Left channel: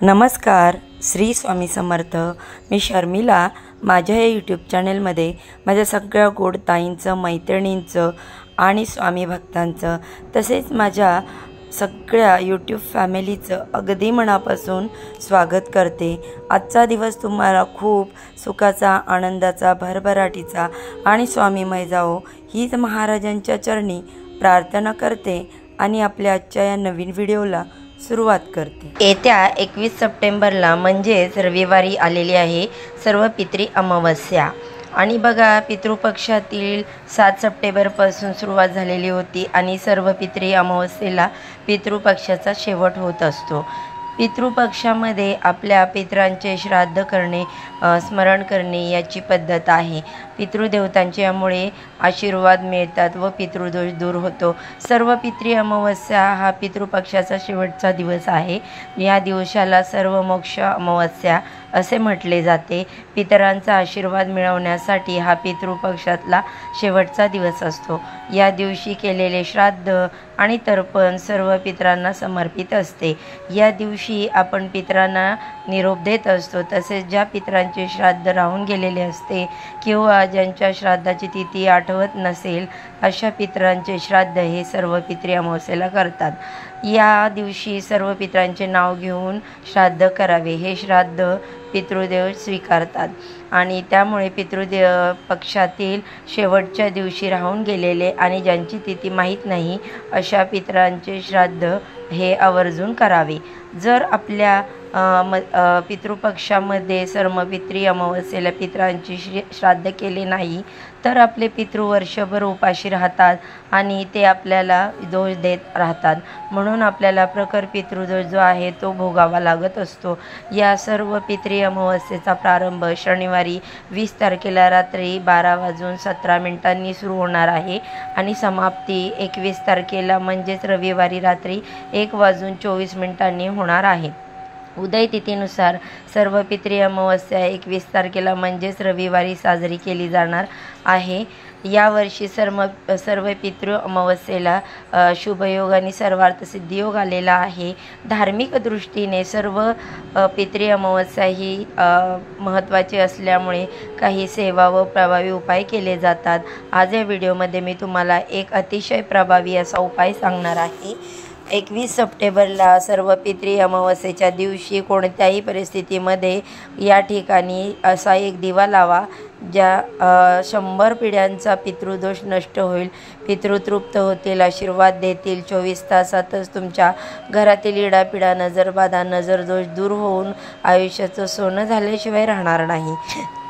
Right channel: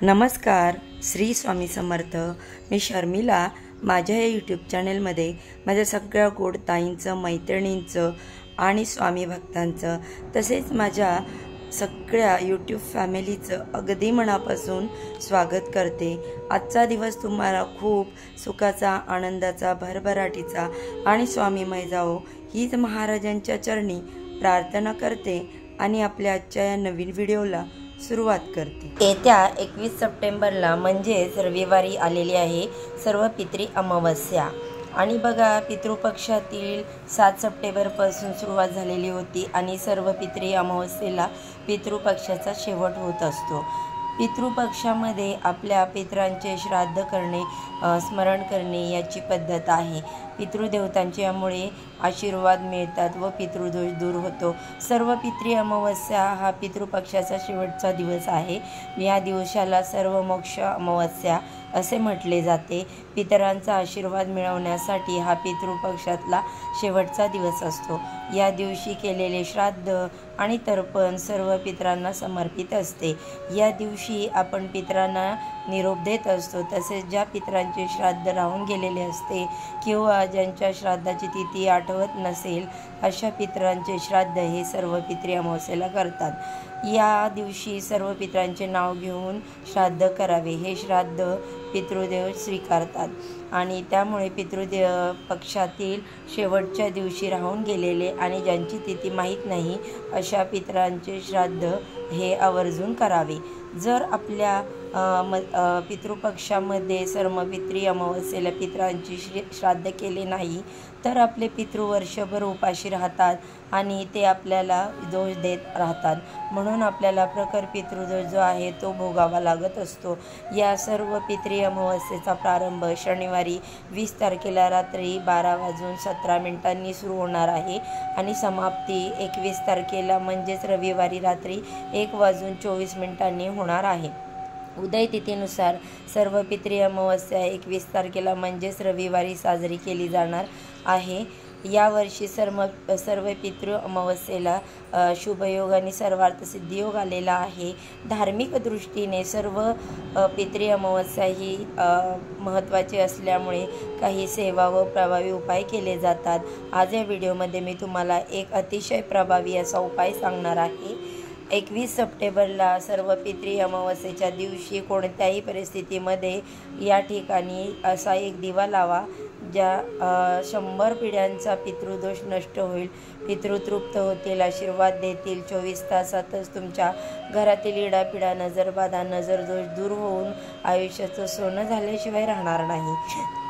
नमस्कार, श्री स्वामी समर्थ। मी शर्मिला। माझ्या या यूट्यूब चॅनलमध्ये माझ्या सगळ्या गोड ताईंचं, मैत्रिणींचं आणि स्वामी भक्तांचं तसेच माझ्या सगळ्या यूट्यूब फॅमिलीचं अगदी मनापासून स्वागत करते। आजचा दिवस तुम्हाला खूप सुखाचा, आनंदाचा, भरभराटीचा आणि स्वामीमय जावो हीच महाराजांच्या चरणी प्रार्थना करते आणि आपल्या आजच्या या नवीन व्हिडिओला सुरुवात करते। येत्या 21 सप्टेंबरला म्हणजेच रविवारी आलेली आहे सर्व पितृ अमावस्या आणि बघा पितृपक्षातील 7 सप्टेंबरपासून सुरुवात झालेली होती आणि सर्व पितृ अमावस्येला पितृपक्षाचा शेवट होत असतो। पितृपक्षामध्ये आपल्या पितरांचे श्राद्ध करणे, स्मरण करणे याची पद्धत आहे। पितृदेवतांचे यामुळे आशीर्वाद मिळतात व पितृदोष दूर होतो। सर्व पितृ अमावस्या हा पितृपक्षाचा शेवटचा दिवस आहे। या दिवसाला सर्व मोक्ष अमावस्या असे म्हटले जाते। पितरांचा आशीर्वाद मिळवण्यासाठी हा पितृपक्षातला शेवटचा दिवस असतो। या दिवशी केलेले श्राद्ध आणि तर्पण सर्व पितरांना समर्पित असते। या दिवशी आपण पितरांना निरोप देत असतो। तसेच ज्या पितरांचे श्राद्ध राहून गेलेले असते किंवा ज्यांच्या श्राद्धाची तिथी आठवत नसेल अशा पितरांचे श्राद्ध हे सर्व पितृ अमावस्येला करतात। या दिवशी सर्व पितरांचे नाव घेऊन श्राद्ध करावे। हे श्राद्ध पितृदेव स्वीकारतात आणि त्यामुळे पितृदेव पक्षातील शेवटच्या दिवशी राहून गेलेले आणि ज्यांची तिथी माहीत नाही अशा पितरांचे श्राद्ध हे आवर्जून करावे। जर आपल्या पितृपक्षामध्ये सर्व पितृ अमावस्येला पितरांची श्राद्ध केले नाही तर आपले पितृ वर्षभर उपाशी राहतात आणि ते आपल्याला दोष देत राहतात। म्हणून आपल्याला प्रखर पितृदोष जो आहे तो भोगावा लागत असतो। या सर्व पितृ अमावस्येचा प्रारंभ शनिवारी 20 तारखेला रात्री 12:17 सुरू होणार आहे आणि समाप्ती 21 तारखेला म्हणजेच रविवारी रात्री 1:24 होणार आहे। उदय तिथीनुसार सर्व पितृ अमावस्या 21 तारखेला म्हणजेच रविवारी साजरी केली जाणार आहे। यावर्षी सर्व पितृ अमावस्येला शुभयोग आणि सर्वार्थ सिद्धियोग आलेला आहे। धार्मिक दृष्टीने सर्व पितृ अमावस्या ही महत्त्वाची असल्यामुळे काही सेवा व प्रभावी उपाय केले जातात। आज या व्हिडिओमध्ये मी तुम्हाला एक अतिशय प्रभावी असा उपाय सांगणार आहे। 21 सप्टेंबरला सर्व पितृ अमावस्येच्या दिवशी कोणत्याही परिस्थितीमध्ये या ठिकाणी असा एक दिवा लावा ज्या 100 पिढ्यांचा पितृदोष नष्ट होईल, पितृ तृप्त होतील, आशीर्वाद देतील। 24 तासातच तुमच्या घरातील इडापिडा, नजरबाधा, नजरदोष दूर होऊन आयुष्याचं सोनं झाल्याशिवाय राहणार नाही।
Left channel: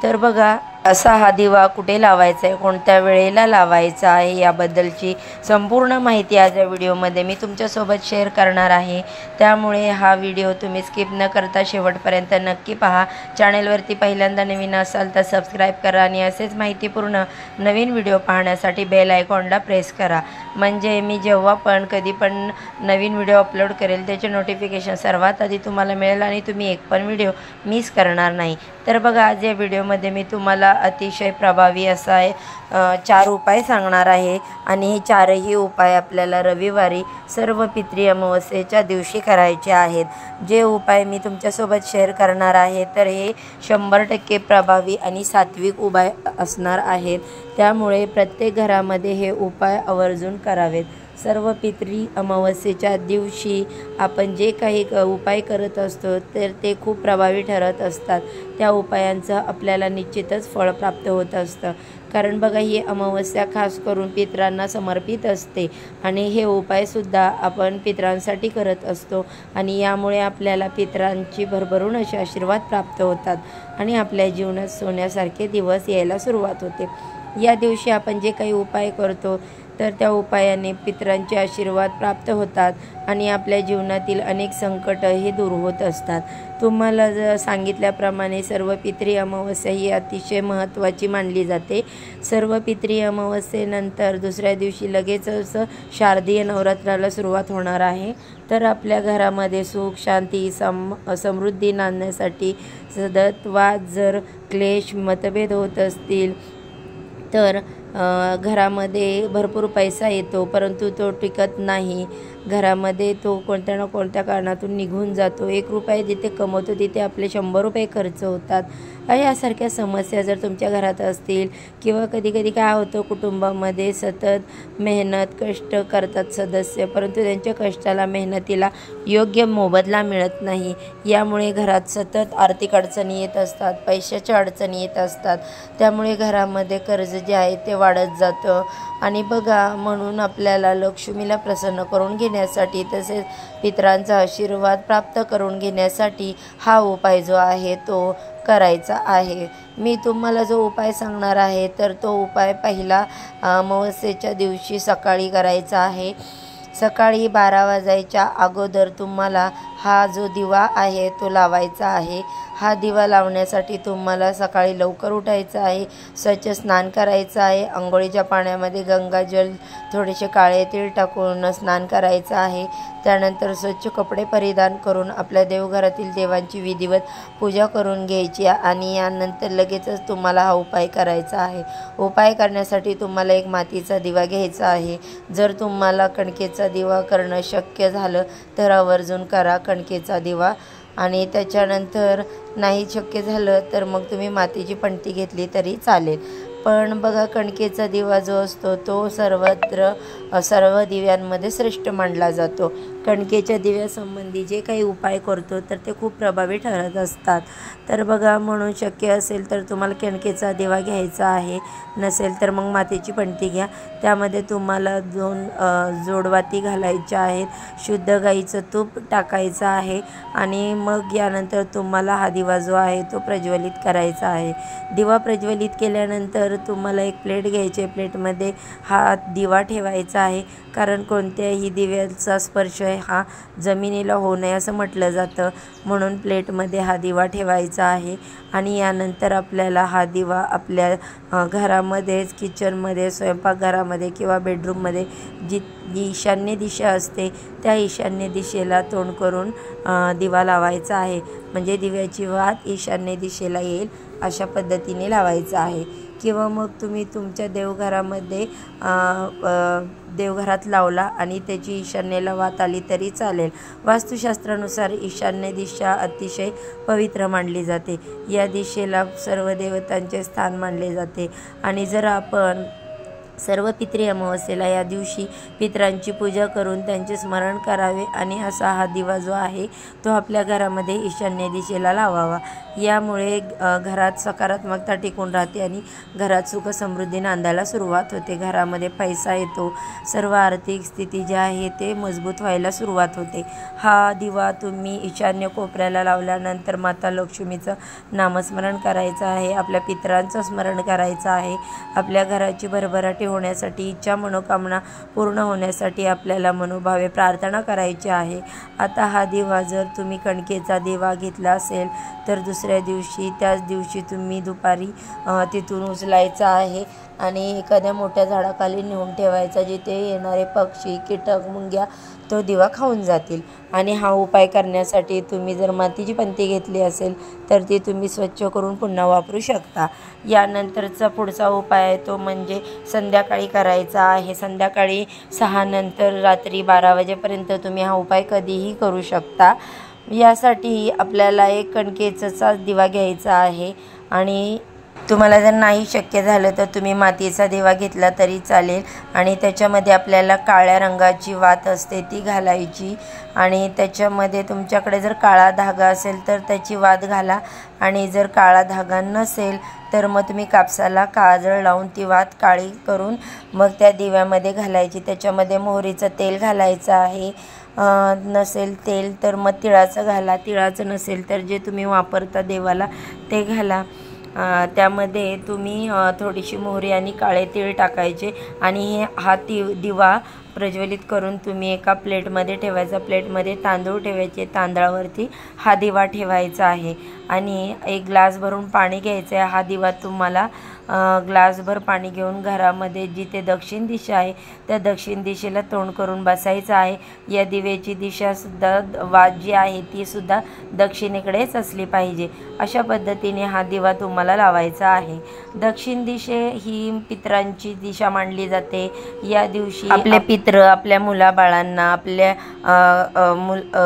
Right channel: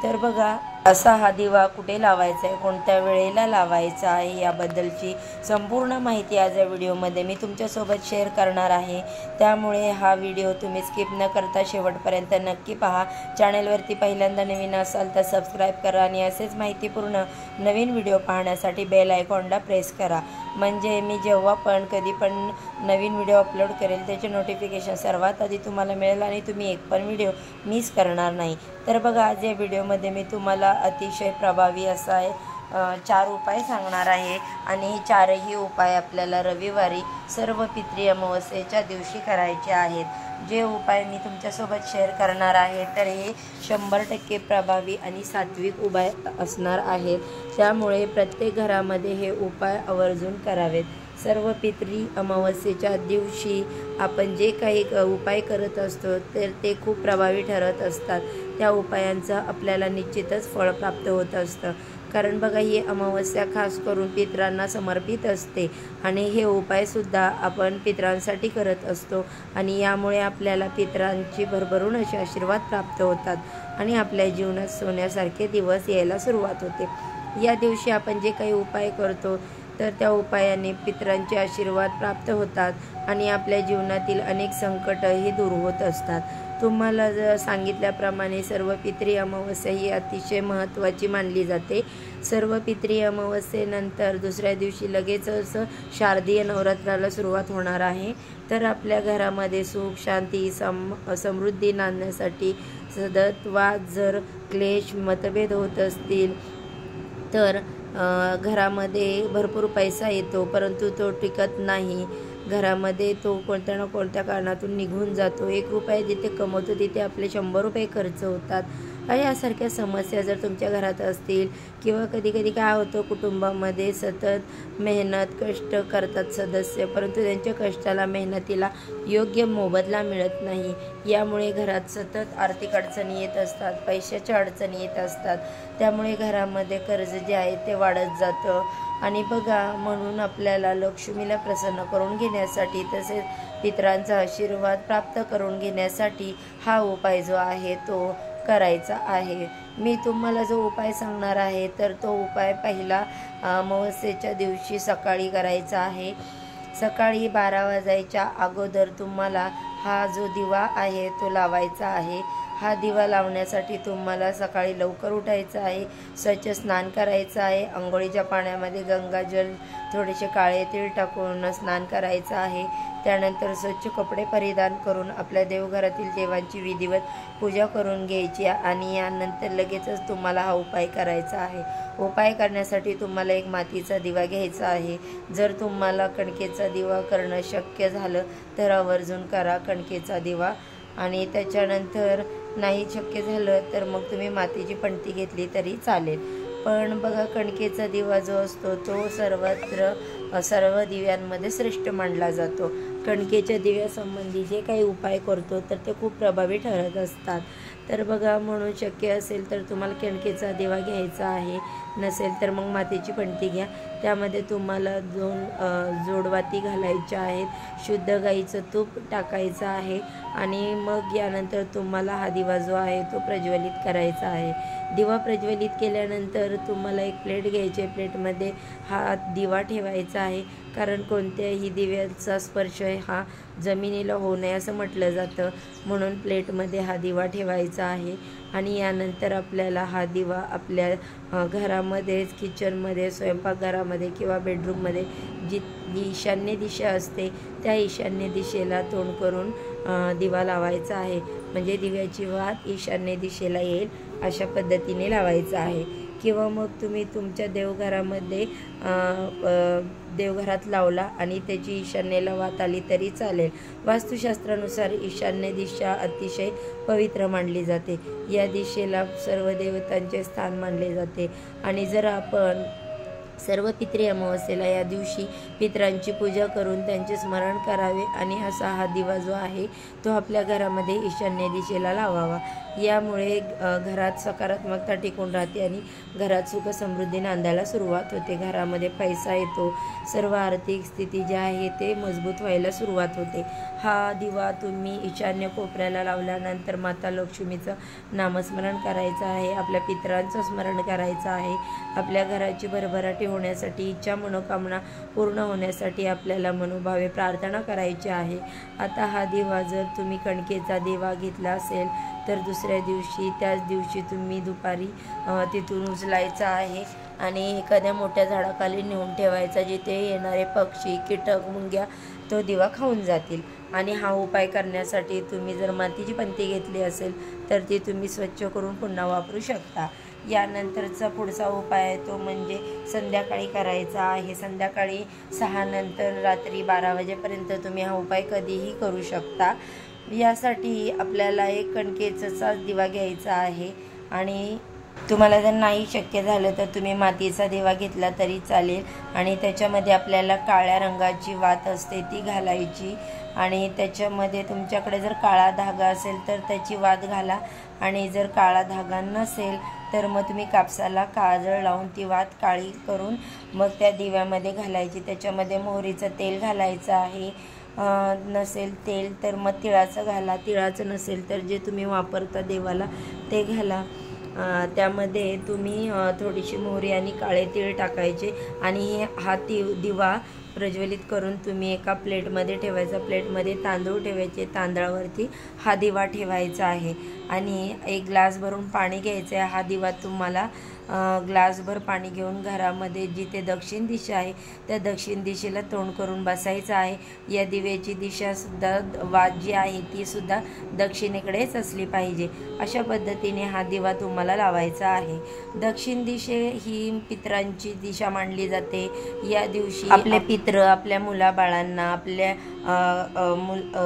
तर बघा असा हा दिवा कुठे लावायचा आहे, कोणत्या वेळेला लावायचा आहे याबद्दलची संपूर्ण माहिती आज या व्हिडिओमध्ये मी तुमच्यासोबत शेअर करणार आहे। त्यामुळे हा व्हिडिओ तुम्ही स्किप न करता शेवटपर्यंत नक्की पहा। चॅनलवरती पहिल्यांदा नवीन असाल तर सबस्क्राईब करा आणि असेच माहितीपूर्ण नवीन व्हिडिओ पाहण्यासाठी बेल आयकॉनला प्रेस करा, म्हणजे मी जेव्हा पण कधी पण नवीन व्हिडिओ अपलोड करेल त्याचे नोटिफिकेशन सर्वात आधी तुम्हाला मिळेल आणि तुम्ही एक पण व्हिडिओ मिस करणार नाही। तर बघा आज या व्हिडिओमध्ये मी तुम्हाला अतिशय प्रभावी असा 4 उपाय सांगणार आहे आणि हे 4ही उपाय आपल्याला रविवारी सर्व पितृ अमावस्येच्या दिवशी करायचे आहेत। जे उपाय मी तुमच्यासोबत शेअर करणार आहे तर हे 100% प्रभावी आणि सात्विक उपाय असणार आहेत। त्यामुळे प्रत्येक घरामध्ये हे उपाय आवर्जून करावेत। सर्व पितृ अमावस्येच्या दिवशी आपण जे काही उपाय करत असतो तर ते खूप प्रभावी ठरत असतात। त्या उपायांचं आपल्याला निश्चितच फळ प्राप्त होत असतं, कारण बघा ही अमावस्या खास करून पितरांना समर्पित असते आणि हे उपायसुद्धा आपण पितरांसाठी करत असतो आणि यामुळे आपल्याला पितरांची भरभरून असे आशीर्वाद प्राप्त होतात आणि आपल्या जीवनात सोन्यासारखे दिवस यायला सुरुवात होते। या दिवशी आपण जे काही उपाय करतो तर त्या उपायाने पितरांचे आशीर्वाद प्राप्त होतात आणि आपल्या जीवनातील अनेक संकटही दूर होत असतात। तुम्हाला सांगितल्याप्रमाणे सर्व पितृ अमावस्या ही अतिशय महत्त्वाची मानली जाते। सर्व पितृ अमावस्येनंतर दुसऱ्या दिवशी लगेचच शारदीय नवरात्राला सुरुवात होणार आहे। तर आपल्या घरामध्ये सुख, शांती, समृद्धी नांदण्यासाठी सतत वाद, जर क्लेश, मतभेद होत असतील तर घरामध्ये भरपूर पैसा येतो परंतु तो टिकत नाही, घरामध्ये तो कोणत्या ना कोणत्या कारणातून निघून जातो. 1 रुपया जिथे कमवतो तिथे आपले 100 रुपये खर्च होतात. यासारख्या समस्या जर तुमच्या घरात असतील किंवा कधी काय होतं, कुटुंबामध्ये सतत मेहनत कष्ट करतात सदस्य, परंतु त्यांच्या कष्टाला मेहनतीला योग्य मोबदला मिळत नाही. यामुळे घरात सतत आर्थिक अडचणी येत असतात, पैशाच्या अडचणी येत असतात. त्यामुळे घरामध्ये कर्ज जे आहे ते वाढत जातं. आणि बघा, म्हणून आपल्याला लक्ष्मीला प्रसन्न करून घेण्यासाठी तसेच पितरांचा आशीर्वाद प्राप्त करून घेण्यासाठी हा उपाय जो आहे तो करायचा आहे. मी तुम्हाला जो उपाय सांगणार आहे तर तो उपाय पहिला अमावस्येच्या दिवशी सकाळी करायचा आहे. सकाळी 12 वाजायच्या अगोदर तुम्हाला हा जो दिवा आहे तो लावायचा आहे. हा दिवा लावण्यासाठी तुम्हाला सकाळी लवकर उठायचं आहे, स्वच्छ स्नान करायचं आहे. अंघोळीच्या पाण्यामध्ये गंगाजल थोडेसे काळे तीळ टाकून स्नान करायचं आहे. त्यानंतर स्वच्छ कपडे परिधान करून आपल्या देवघरातील देवांची विधिवत पूजा करून घ्यायची आणि यानंतर लगेचच तुम्हाला हा उपाय करायचा आहे. उपाय करण्यासाठी तुम्हाला एक मातीचा दिवा घ्यायचा आहे. जर तुम्हाला कणकेचा दिवा करणं शक्य झालं तर आवर्जून करा कणकेचा दिवा. आणि त्याच्यानंतर नाही शक्य झालं तर मग तुम्ही मातीची पणती घेतली तरी चालेल. पण बघा, कणकेचा दिवा जो असतो तो सर्व दिव्यांमध्ये श्रेष्ठ मानला जातो. कणकेच्या दिव्यासंबंधी जे काही उपाय करतो तर ते खूप प्रभावी ठरत असतात. तर बघा, म्हणून शक्य असेल तर तुम्हाला कणकेचा दिवा घ्यायचा आहे, नसेल तर मग मातीची पणती घ्या. त्यामध्ये तुम्हाला 2 जोडवाती घालायच्या आहेत. शुद्ध गाईचं तूप टाकायचं आहे आणि मग यानंतर तुम्हाला हा दिवा जो आहे तो प्रज्वलित करायचा आहे. दिवा प्रज्वलित केल्यानंतर तुम्हाला एक प्लेट घ्यायची आहे. प्लेटमध्ये हा दिवा ठेवायचा आहे, कारण कोणत्याही दिव्याचा स्पर्श हा जमिनीला होऊ नये असं म्हटलं जातं. म्हणून प्लेटमध्ये हा दिवा ठेवायचा आहे. आणि यानंतर आपल्याला हा दिवा आपल्या घरामध्येच, किचनमध्ये, स्वयंपाकघरामध्ये किंवा बेडरूममध्ये जी ईशान्य दिशा असते त्या ईशान्य दिशेला तोंड करून दिवा लावायचा आहे. म्हणजे दिव्याची वात ईशान्य दिशेला येईल अशा पद्धतीने लावायचा आहे. किंवा मग तुम्ही तुमच्या देवघरामध्ये देवघरात लावला आणि त्याची ईशान्येला वात आली तरी चालेल. वास्तुशास्त्रानुसार ईशान्य दिशा अतिशय पवित्र मानली जाते. या दिशेला सर्व देवतांचे स्थान मानले जाते. आणि जर आपण सर्व पितृ अमावस्येला या दिवशी पितरांची पूजा करून त्यांचे स्मरण करावे आणि असा हा दिवा जो आहे तो आपल्या घरामध्ये ईशान्य दिशेला लावावा. यामुळे घरात सकारात्मकता टिकून राहते आणि घरात सुख समृद्धी नांदायला सुरुवात होते. घरामध्ये पैसा येतो, सर्व आर्थिक स्थिती जी आहे ते मजबूत व्हायला सुरुवात होते. हा दिवा तुम्ही ईशान्य कोपऱ्याला लावल्यानंतर माता लक्ष्मीचं नामस्मरण करायचं आहे, आपल्या पितरांचं स्मरण करायचं आहे. आपल्या घराची भरभराटी होण्यासाठी, इच्छा मनोकामना पूर्ण होण्यासाठी आपल्याला मनोभावे प्रार्थना करायची आहे. आता हा दिवा जर तुम्ही कणकेचा दिवा घेतला असेल तर दुसऱ्या दिवशी, त्याच दिवशी तुम्ही दुपारी तिथून उचलायचा आहे आणि एखाद्या मोठ्या झाडाखाली नेऊन ठेवायचा, जिथे येणारे पक्षी, कीटक, मुंग्या तो दिवा खाऊन जातील. आणि हा उपाय करण्यासाठी तुम्ही जर मातीची पणती घेतली असेल तर ती तुम्ही स्वच्छ करून पुन्हा वापरू शकता. यानंतरचा पुढचा उपाय आहे तो म्हणजे संध्याकाळी करायचा आहे. संध्याकाळी 6 नंतर रात्री 12 वाजेपर्यंत तुम्ही हा उपाय कधीही करू शकता. यासाठी आपल्याला एक कणकेचा दिवा घ्यायचा आहे आणि तुम्हाला जर नाही शक्य झालं तर तुम्ही मातीचा दिवा घेतला तरी चालेल. आणि त्याच्यामध्ये आपल्याला काळ्या रंगाची वात असते ती घालायची आणि त्याच्यामध्ये तुमच्याकडे जर काळा धागा असेल तर त्याची वात घाला आणि जर काळा धागा नसेल तर मग तुम्ही कापसाला काजळ लावून ती वात काळी करून मग त्या दिव्यामध्ये घालायची. त्याच्यामध्ये मोहरीचं तेल घालायचं आहे. नसेल तेल तर मग तिळाचं घाला. तिळाचं नसेल तर जे तुम्ही वापरता देवाला ते घाला. त्यामध्ये तुम्ही थोडीशी मोहरी आणि काळे तीळ टाकायचे आणि हा दिवा प्रज्वलित करून तुम्ही एका प्लेटमध्ये ठेवायचा. प्लेटमध्ये तांदूळ ठेवायचे, तांदळावरती हा दिवा ठेवायचा आहे आणि 1 ग्लास भरून पाणी घ्यायचं आहे. हा दिवा तुम्हाला ग्लासभर पाणी घेऊन घरामध्ये जिथे दक्षिण दिशा आहे त्या दक्षिण दिशेला तोंड करून बसायचं आहे। या दिव्याची दिशासुद्धा जी आहे ती सुद्धा दक्षिणेकडेच असली पाहिजे। अशा पद्धतीने हा दिवा तुम्हाला लावायचा आहे। दक्षिण दिशे ही पितरांची दिशा मानली जाते। या दिवशी आपले पित्र आपल्या मुलाबाळांना आपल्या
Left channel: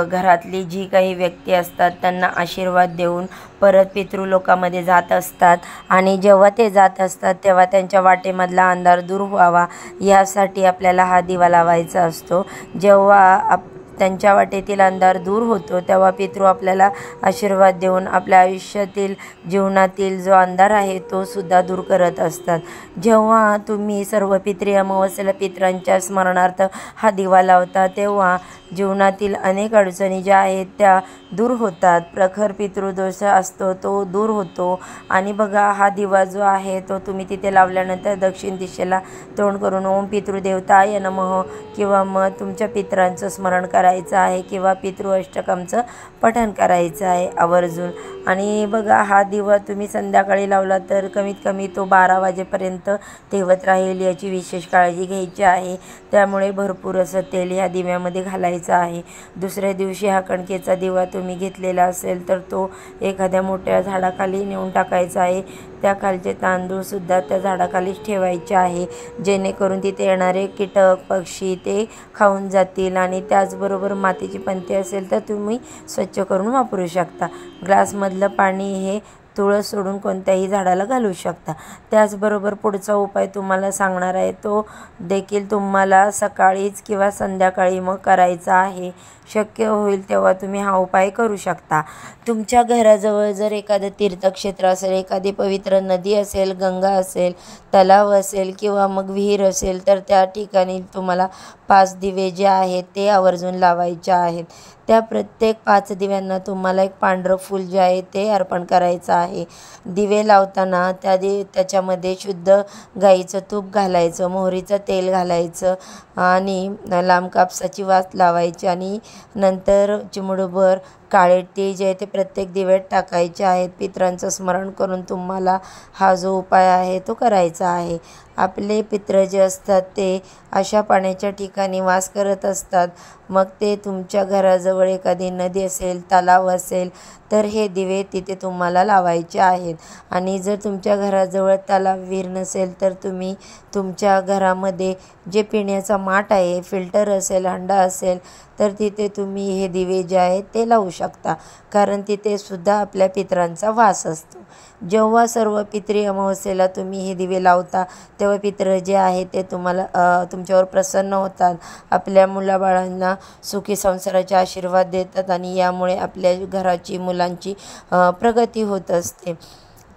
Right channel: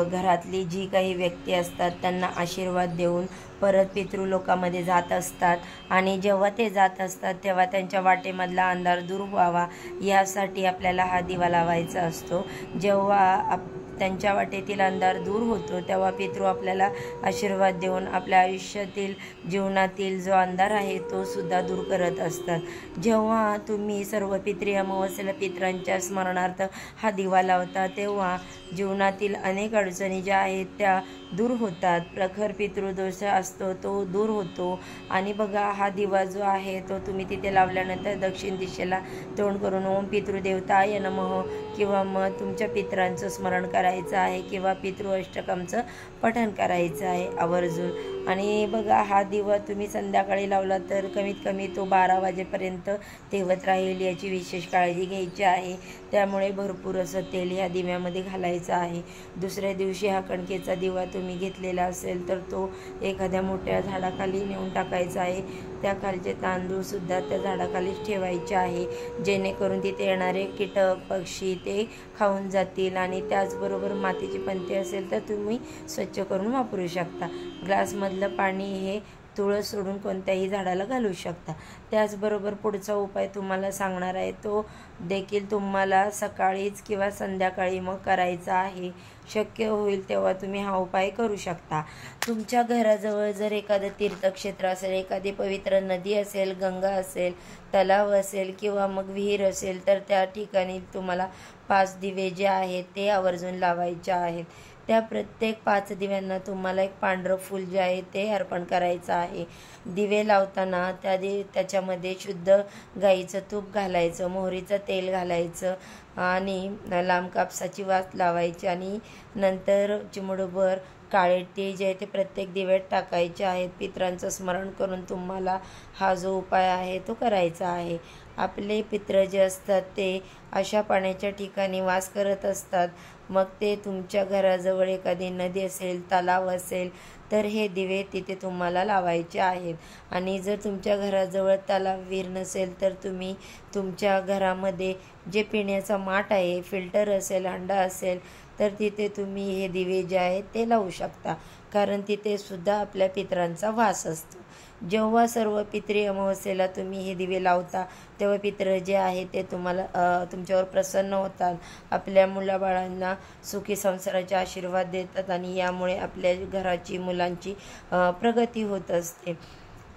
घरातली जी काही व्यक्ती असतात त्यांना आशीर्वाद देऊन परत पितृलोकामध्ये जात असतात आणि जेव्हा ते जात असतात तेव्हा त्यांच्या वाटेमधला अंधार दूर व्हावा यासाठी आपल्याला हा दिवा लावायचा असतो। जेव्हा त्यांच्या वाटेतील अंधार दूर होतो तेव्हा पितृ आपल्याला आशीर्वाद देऊन आपल्या आयुष्यातील जीवनातील जो अंधार आहे तो सुद्धा दूर करत असतात। जेव्हा तुम्ही सर्व पितृ अमावस्येला पितरांच्या स्मरणार्थ हा दिवा लावता तेव्हा जीवनातील अनेक अडचणी ज्या आहेत त्या दूर होतात। प्रखर पितृदोष असतो तो दूर होतो। आणि बघा हा दिवा जो आहे तो तुम्ही तिथे लावल्यानंतर दक्षिण दिशेला तोंड करून ओम पितृदेवताय नमः किंवा मग तुमच्या पितरांचं स्मरण करायचं आहे किंवा पितृ अष्टकमचं पठण करायचं आहे आवर्जून। आणि बघा हा दिवा तुम्ही संध्याकाळी लावला तर कमीत कमी तो 12 वाजेपर्यंत तेवत राहील याची विशेष काळजी घ्यायची आहे। त्यामुळे भरपूर असं तेल या दिव्यामध्ये घालायचं आहे। दुसऱ्या दिवशी हा कणकेचा दिवा तुम्ही घेतलेला असेल तर तो एखाद्या मोठ्या झाडाखाली नेऊन टाकायचा आहे। त्या खालचे तांदूळ सुद्धा त्या झाडाखालीच ठेवायचे आहे जेणेकरून तिथे येणारे कीटक पक्षी ते खाऊन जातील। आणि त्याचबरोबर मातीची पंते असेल तर तुम्ही स्वच्छ करून वापरू शकता। ग्लासमधलं पाणी हे तुळस सोडून कोणत्याही झाडाला घालू शकता। त्याचबरोबर पुढचा उपाय तुम्हाला सांगणार आहे तो देखील तुम्हाला सकाळीच किंवा संध्याकाळी मग करायचा आहे। शक्य होईल तेव्हा तुम्ही हा उपाय करू शकता। तुमच्या घराजवळ जर एखादं तीर्थक्षेत्र असेल, एखादी पवित्र नदी असेल, गंगा असेल, तलाव असेल किंवा मग विहीर असेल तर त्या ठिकाणी तुम्हाला 5 दिवे जे आहेत ते आवर्जून लावायचे आहेत। त्या प्रत्येक 5 दिव्यांना तुम्हाला एक पांढरं फूल जे आहे ते अर्पण करायचं आहे। दिवे लावताना त्याच्यामध्ये शुद्ध गाईचं तूप घालायचं, मोहरीचं तेल घालायचं आणि लांब कापसाची वात लावायची आणि नंतर चिमूटभर काळे तीळ जे आहे ते प्रत्येक दिव्यात टाकायचे आहेत। पितरांचं स्मरण करून तुम्हाला हा जो उपाय आहे तो करायचा आहे। आपले पित्र जे असतात ते अशा पाण्याच्या ठिकाणी वास करत असतात। मग ते तुमच्या घराजवळ एखादी नदी असेल, तलाव असेल तर हे दिवे तिथे तुम्हाला लावायचे आहेत। आणि जर तुमच्या घराजवळ तलाव विहीर नसेल तर तुम्ही तुमच्या घरामध्ये जे पिण्याचा माठ आहे, फिल्टर असेल, हंडा असेल तर तिथे तुम्ही हे दिवे जे आहेत ते लावू शकता कारण तिथे सुद्धा आपल्या पितरांचा वास असतो। जेव्हा सर्व पितृ अमावस्येला तुम्ही हे दिवे लावता तेव्हा पितृ जे आहे ते तुमच्यावर प्रसन्न होतात, आपल्या मुलाबाळांना सुखी संसाराचे आशीर्वाद देतात आणि यामुळे आपल्या घराची मुलांची प्रगती होत असते।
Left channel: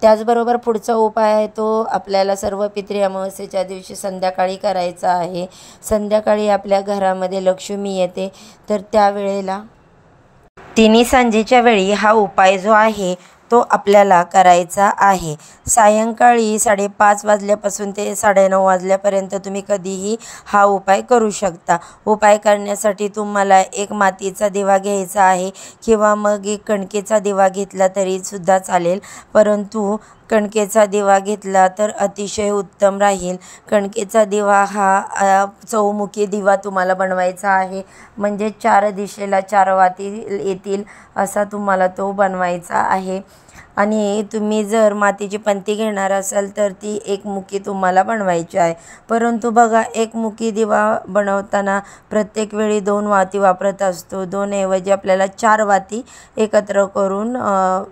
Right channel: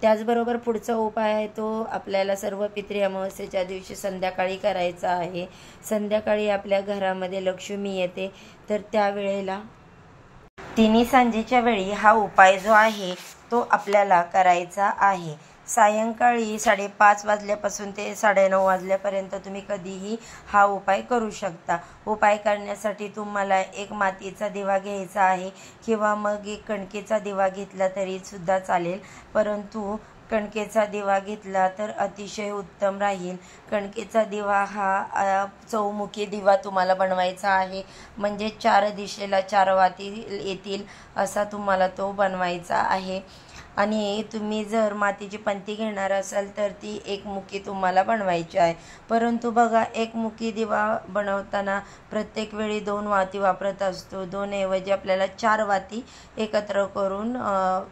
त्याचबरोबर पुढचा उपाय आहे तो आपल्याला सर्व पितृ अमावस्येच्या दिवशी संध्याकाळी करायचा आहे। संध्याकाळी आपल्या घरामध्ये लक्ष्मी येते तर त्यावेळेला तिन्ही सांजेच्या वेळी हा उपाय जो आहे तो आपल्याला करायचा आहे। सायंकाळी 5:30 वाजल्यापासून ते 9:30 वाजल्यापर्यंत तुम्ही कधीही हा उपाय करू शकता। उपाय करण्यासाठी तुम्हाला एक मातीचा दिवा घ्यायचा आहे किंवा मग एक कणकेचा दिवा घेतला तरी सुद्धा चालेल, परंतु कणकेचा दिवा घेतला तर अतिशय उत्तम राहील। कणकेचा दिवा हा चौमुखी दिवा तुम्हाला बनवायचा आहे, म्हणजे 4 दिशेला 4 वाती येतील असा तुम्हाला तो बनवायचा आहे। आणि तुम्ही जर मातीची पंती घेणार असाल तर ती एकमुखी तुम्हाला बनवायची आहे। परंतु बघा एकमुखी दिवा बनवताना प्रत्येक वेळी 2 वाती वापरत असतो। 2 ऐवजी आपल्याला 4 वाती एकत्र करून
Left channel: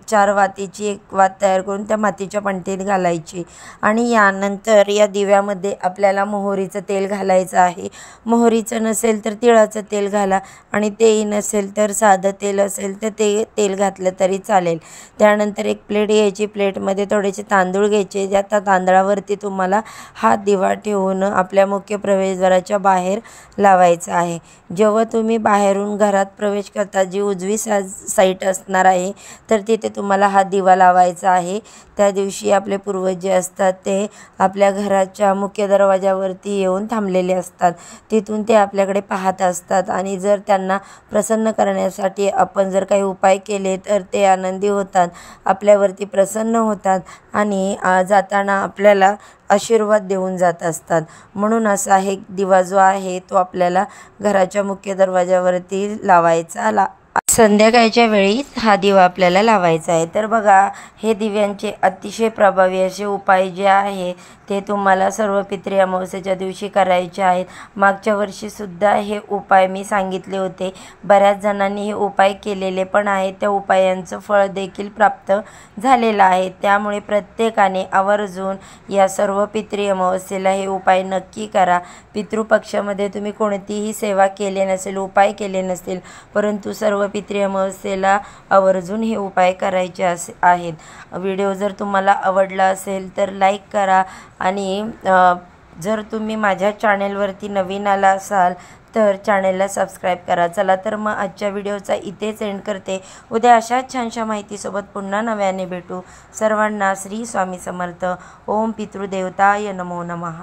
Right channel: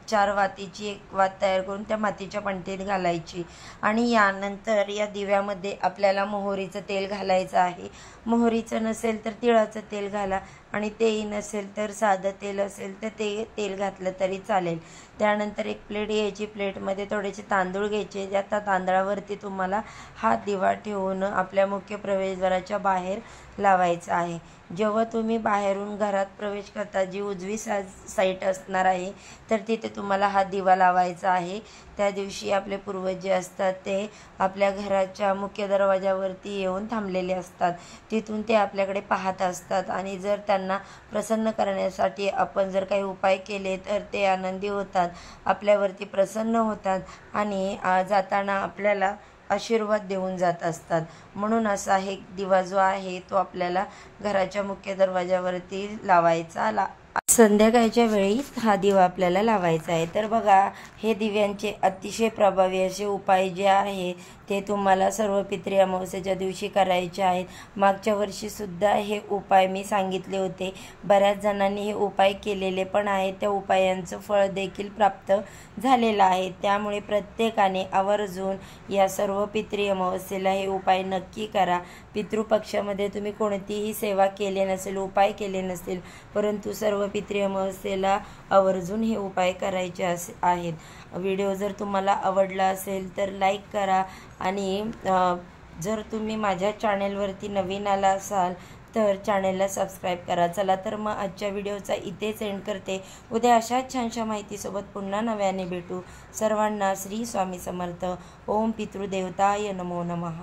4 वातीची एक वात तयार करून त्या मातीच्या पंतीत घालायची आणि यानंतर या दिव्यामध्ये आपल्याला मोहरीचं तेल घालायचं आहे। मोहरीचं नसेल तर तिळाचं तेल घाला आणि तेही नसेल तर साधं तेल असेल तर ते तेल घातलं तरी चालेल। त्यानंतर एक प्लेट घ्यायची, प्लेटमध्ये थोडेसे तांदूळ घ्यायचे, ज्या तांदळावरती तुम्हाला हा दिवा ठेवून आपल्या मुख्य प्रवेशद्वाराच्या बाहेर लावायचा आहे। जेव्हा तुम्ही बाहेरून घरात प्रवेश करता जी उजवी साईड असणार आहे तर तिथे तुम्हाला हा दिवा लावायचा आहे। त्या दिवशी आपले पूर्वज जे असतात ते आपल्या घराच्या मुख्य दरवाजावरती येऊन थांबलेले असतात, तिथून ते आपल्याकडे पाहत असतात आणि जर त्यांना प्रसन्न करण्यासाठी आपण जर काही उपाय केले तर ते आनंदी होतात। आपल्या आपल्यावरती प्रसन्न होतात आणि जाताना आपल्याला आशीर्वाद देऊन जात असतात. म्हणून असा एक दिवा जो आहे तो आपल्याला घराच्या मुख्य दरवाजावरती लावायचा. संध्याकाळच्या वेळी हा दिवा आपल्याला लावायचा आहे. तर बघा, हे दिव्यांचे अतिशय प्रभावी असे उपाय जे आहे ते तुम्हाला सर्व पितृ अमावस्येच्या दिवशी करायचे आहेत. मागच्या वर्षीसुद्धा हे उपाय मी सांगितले होते. बऱ्याच जणांनी हे उपाय केलेले पण आहेत. त्या उपायांचं फळ देखील प्राप्त झालेलं आहे. त्यामुळे प्रत्येकाने आवर्जून या सर्व पितृ अमावस्येला हे उपाय नक्की करा. पितृपक्षामध्ये तुम्ही कोणतीही सेवा केली नसेल, उपाय केले नसतील, परंतु सर्व पितृ अमावस्येला आवर्जून हे उपाय करायचे आहेत. व्हिडिओ जर तुम्हाला आवडला असेल तर लाईक करा आणि जर तुम्ही माझ्या चॅनेलवरती नवीन आला असाल तर चॅनेलला सबस्क्राईब करा. चला तर मग आजच्या व्हिडिओचा इथेच एंड करते. उद्या अशाच छानशा माहितीसोबत पुन्हा नव्याने भेटू. सर्वांना श्री स्वामी समर्थ. ओम पितृदेवताय नमो नमः.